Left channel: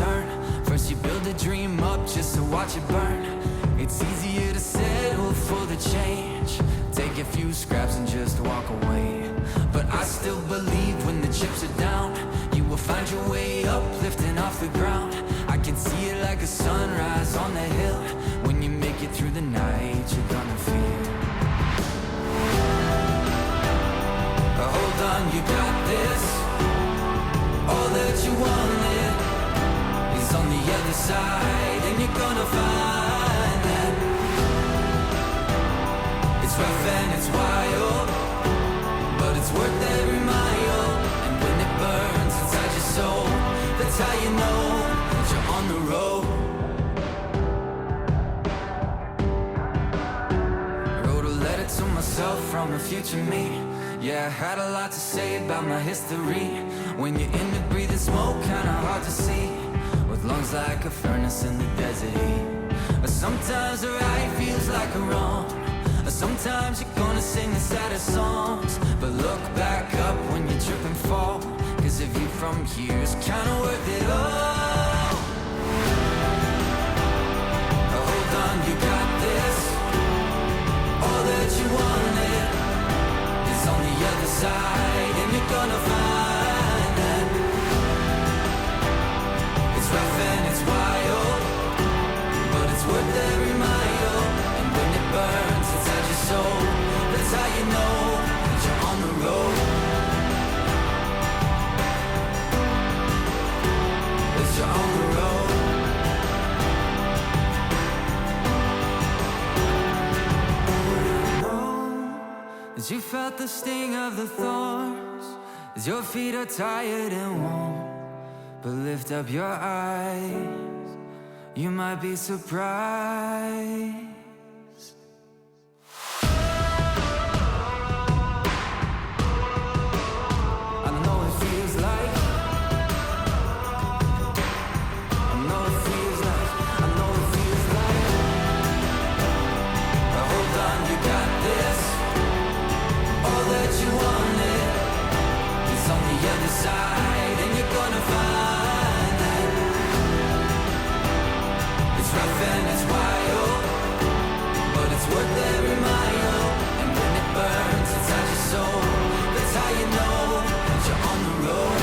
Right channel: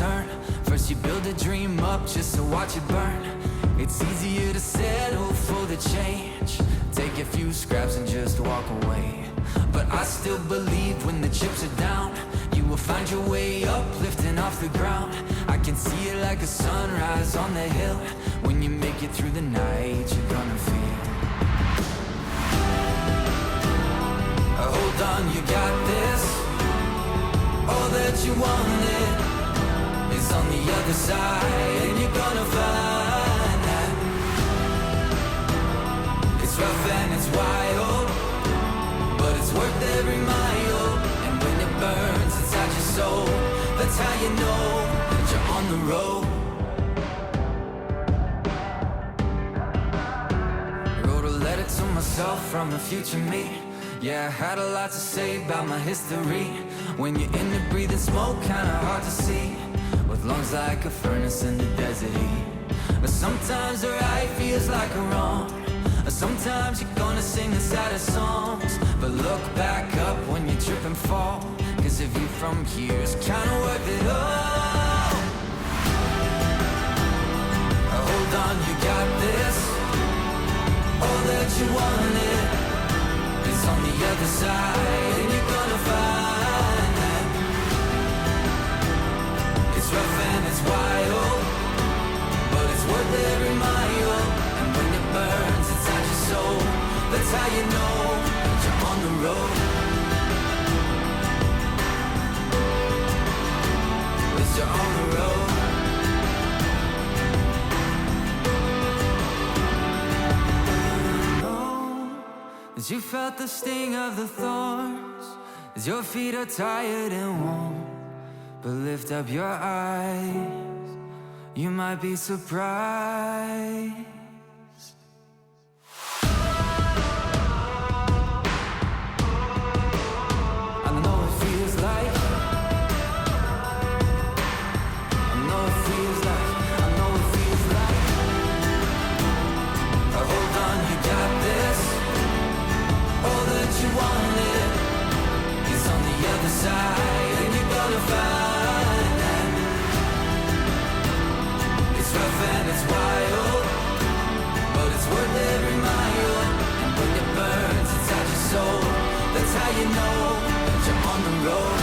turn. First you build a dream up just to watch it burn. It's easier to settle for the change, take a few scraps and just walk away. But I still believe when the chips are down, you will find your way up, lifting off the ground. I can see it like a sunrise on the hill. When you make it through the night, you're gonna feel. Hold on, you got this. All that you wanted is on the other side, and you're gonna find that it's rough and it's wild, but it's worth every mile. And when it burns inside your soul, that's how you know that you're on the road. I wrote a letter to myself from the future me. Yeah, I had a lot to say about my history. When you're in the breathing smoke, kinda hard to see, with lungs like a furnace in the desert heat. Sometimes the right feels like a wrong. Sometimes you're gonna sing the saddest songs, but look back up when you trip and fall, cause the view from here is kinda worth it all. Hold on, you got this. All that you wanted is on the other side, and you're gonna find that it's rough and it's wild, but it's worth every mile. And when it burns inside your soul, that's how you know that you're on the road. That you're on the road. As you felt the sting of the thorns, as your feet are tired and worn, but lift up your eyes, you might be surprised. I know it feels like, I know it feels like, I know it feels like. Hold on, you got this. All that you wanted is on the other side, and you're gonna find that it's rough and it's wild, but it's worth every mile. And when it burns inside your soul, that's how you know that you're on the road.